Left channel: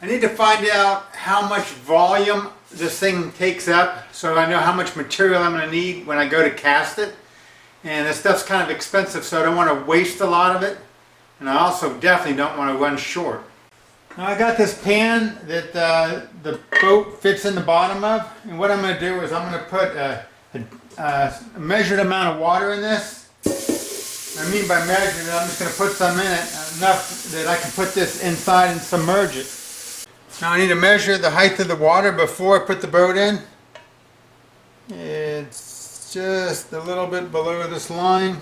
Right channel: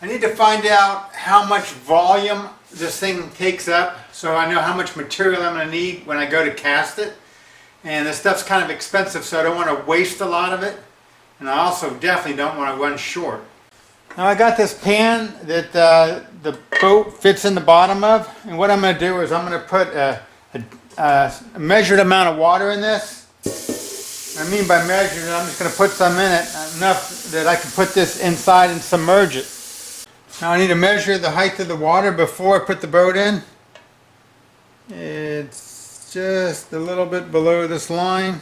I need to find out how much volume this thing takes up so I know how much material I'm going to need when I go to cast it. And this stuff's kind of expensive, so I don't want to waste a lot of it. And I also definitely don't want to run short. Now I got this pan that the boat fits in the bottom of. And what I'm going to do is I'm going to put a measured amount of water in this. I mean by measured, I'm just going to put some in it, enough that I can put this inside and submerge it. Now I need to measure the height of the water before I put the boat in. It's just a little bit below this line.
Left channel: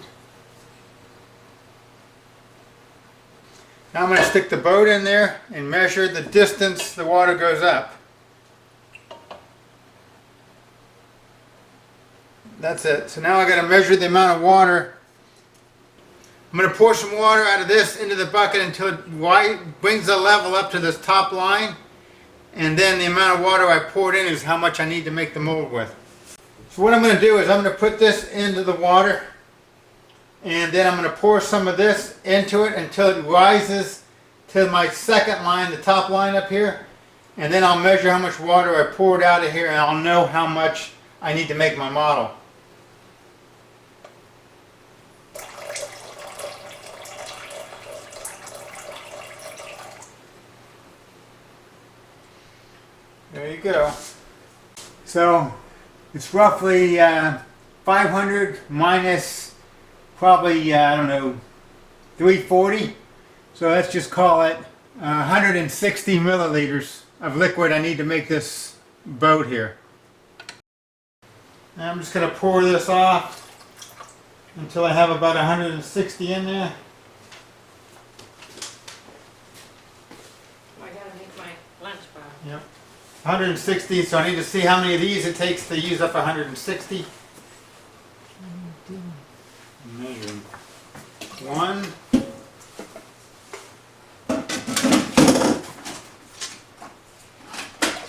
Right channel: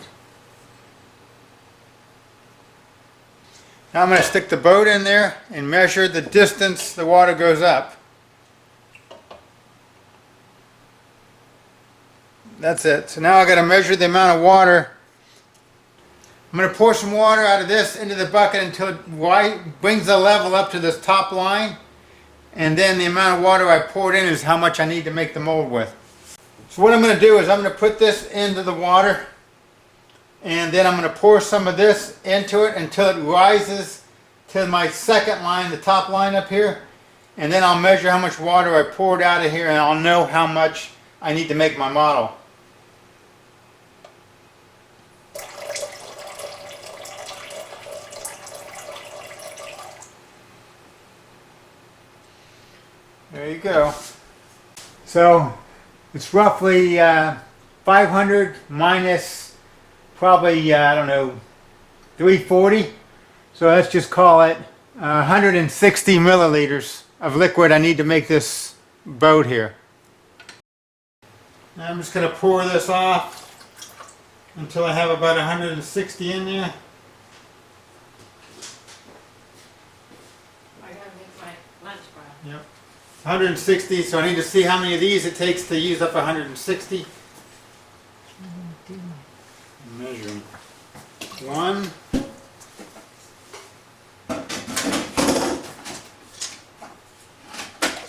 Now I'm going to stick the boat in there and measure the distance the water goes up. That's it. So now I've got to measure the amount of water. I'm going to pour some water out of this into the bucket until it brings the level up to this top line. And then the amount of water I poured in is how much I need to make the mold with. So what I'm going to do is I'm going to put this into the water. And then I'm going to pour some of this into it until it rises to my second line, the top line up here. And then I'll measure how much water I poured out of here and I'll know how much I need to make my model. There you go. So it's roughly 500 minus probably, I don't know, 340. So let's just call it 160 milliliters of liquid I need to make this boat here. Now I'm just going to pour this off until I have about 160 in there. I gotta make my lunch bar. Yep. 160, so I need to see how many of these it takes to use up 160. I'm measuring. 1,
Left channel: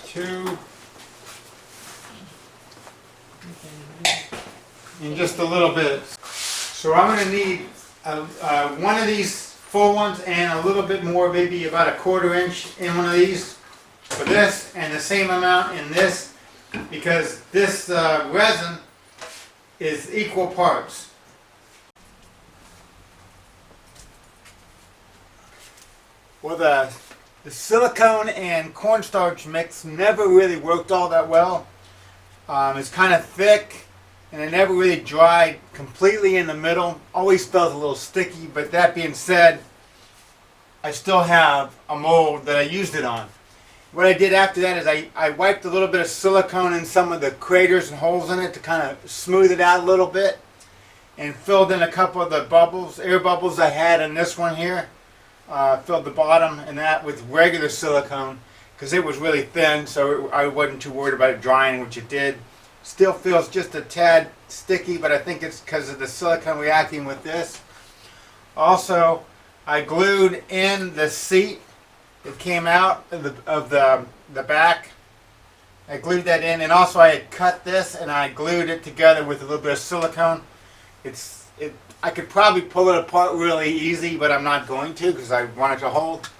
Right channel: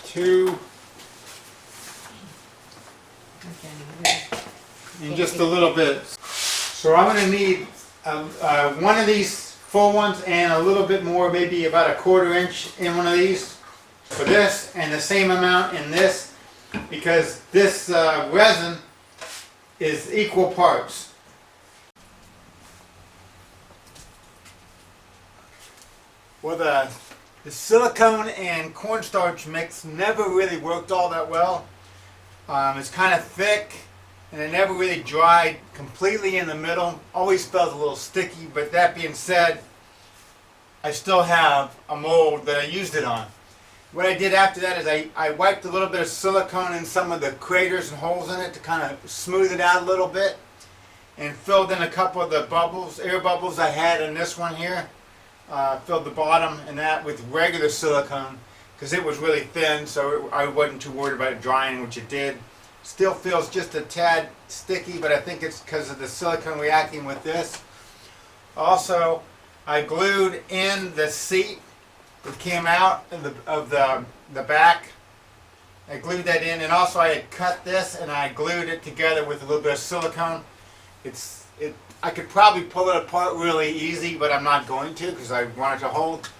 2, and just a little bit. So I'm going to need one of these full ones and a little bit more, maybe about 1/4 inch in one of these for this, and the same amount in this, because this resin is equal parts. Well, the silicone and cornstarch mix never really worked all that well. It's kind of thick and it never really dried completely in the middle. Always felt a little sticky, but that being said, I still have a mold that I used it on. What I did after that is I wiped a little bit of silicone in some of the craters and holes in it to kind of smooth it out a little bit, and filled in a couple of the bubbles, air bubbles I had in this one here. Filled the bottom and that with regular silicone because it was really thin, so I wasn't too worried about it drying, which it did. Still feels just a tad sticky, but I think it's because of the silicone reacting with this. Also, I glued in the seat that came out of the back. I glued that in, and also I had cut this and I glued it together with a little bit of silicone. I could probably pull it apart really easy, but I'm not going to because I want it to hold.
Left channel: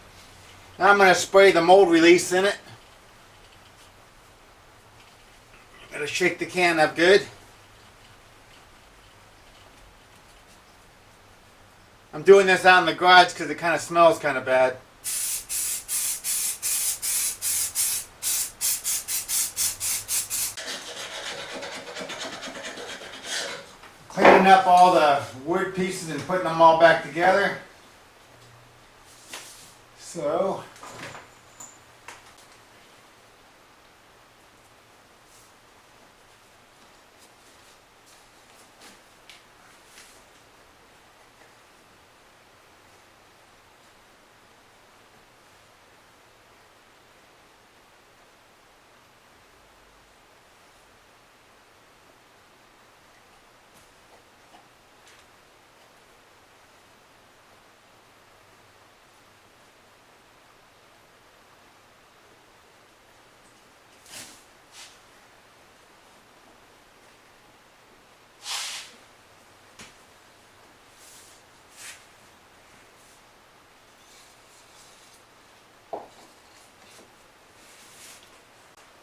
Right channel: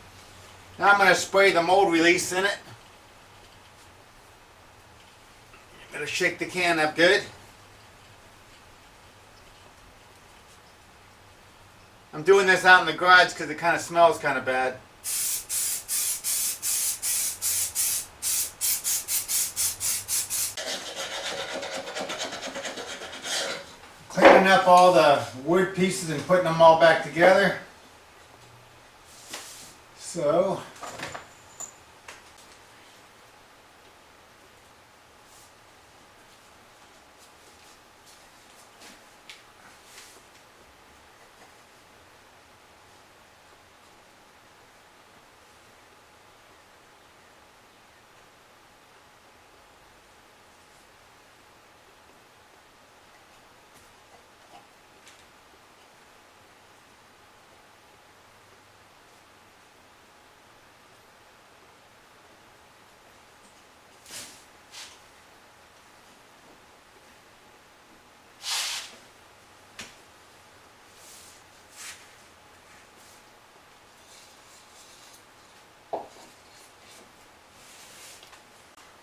Now I'm going to spray the mold release in it. Got to shake the can up good. I'm doing this out in the garage because it kind of smells kind of bad. Cleaning up all the wood pieces and putting them all back together. So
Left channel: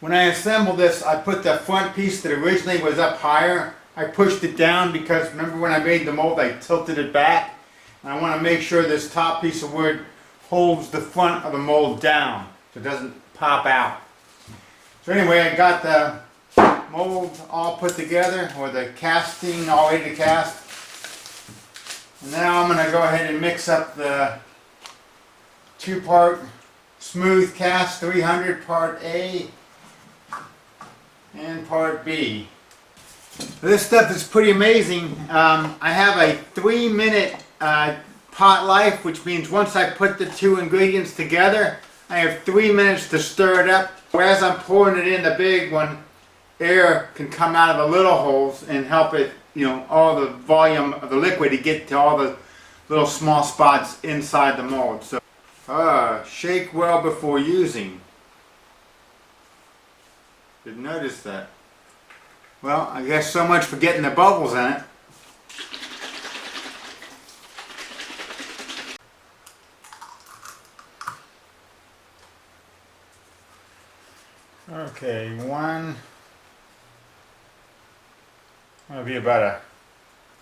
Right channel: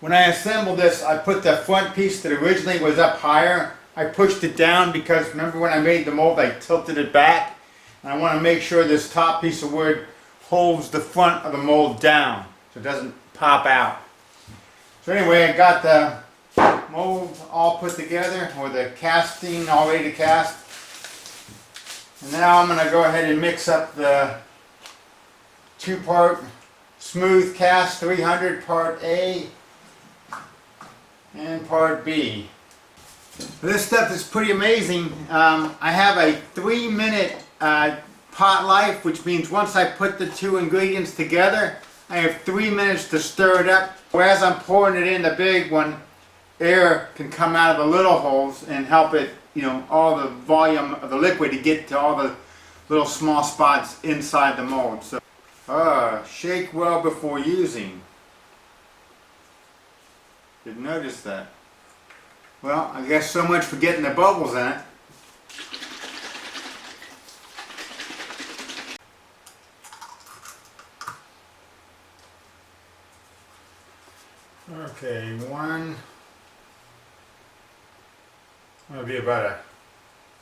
When I assembled this, I put the front piece that originally was up higher. I pushed it down because remember when I made the mold, I tilted it back. And I want to make sure this top piece of wood holds the front of the mold down so it doesn't pop out. So anyway, I got the mold all put together, or the casting all ready to cast. And now I'm going to go ahead and mix up the 2-part smooth cast 300 part A and part B. This stuff is pretty amazing. I have a 3-minute pot life, which means once I put the 2 ingredients together, I have 3 minutes to stir it up. Whereas I'm pouring it in the big one, air can come out of the little holes and help it, all the volume of the liquid to get to all the little small spots inside the mold. So, shake well before using. Didn't notice that. Well, I guess so much for getting the bubbles in it. Okay, one. That'll be about an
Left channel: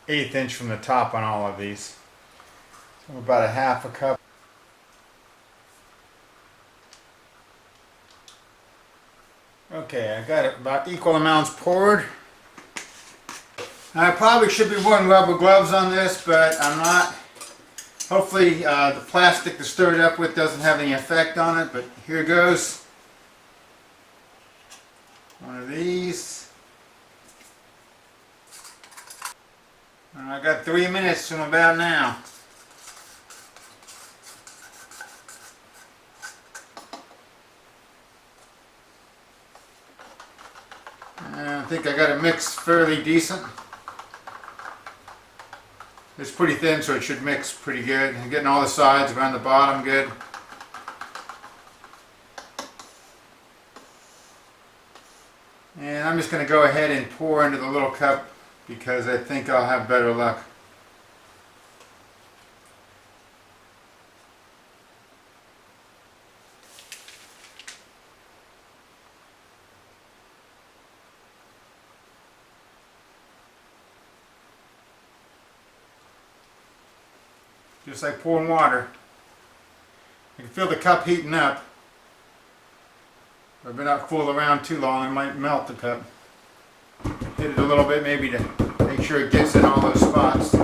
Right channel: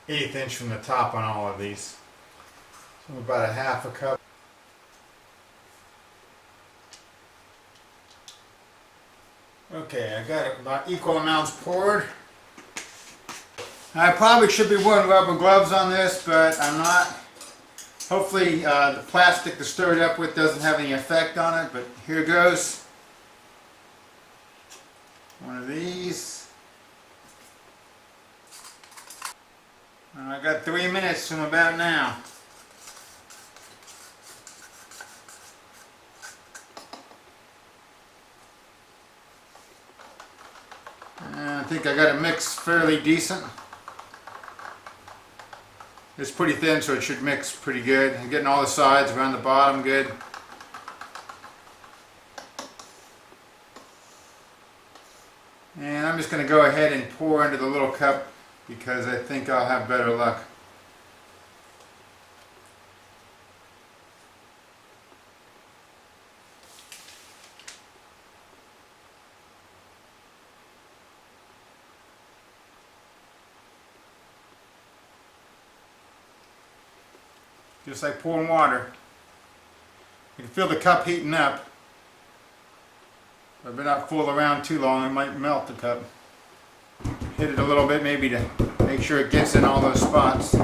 1/8 inch from the top on all of these. So about a 1/2 cup. Okay, I got about equal amounts poured. I probably should be wearing rubber gloves on this, but I'm not. Hopefully the plastic to stir it up with doesn't have any effect on it, but here goes. One of these. And I got 3 minutes from about now. I think I got it mixed fairly decent. It's pretty thin, so it should mix pretty good. I'm getting all the sides around the bottom good. And I'm just going to go ahead and pour into the little cup because I think I'll have better luck. Just like pouring water. I can feel the cup heating up. If I've been not fool around too long, I might melt the cup. Hit it a little bit maybe to make sure it gets in all those spots.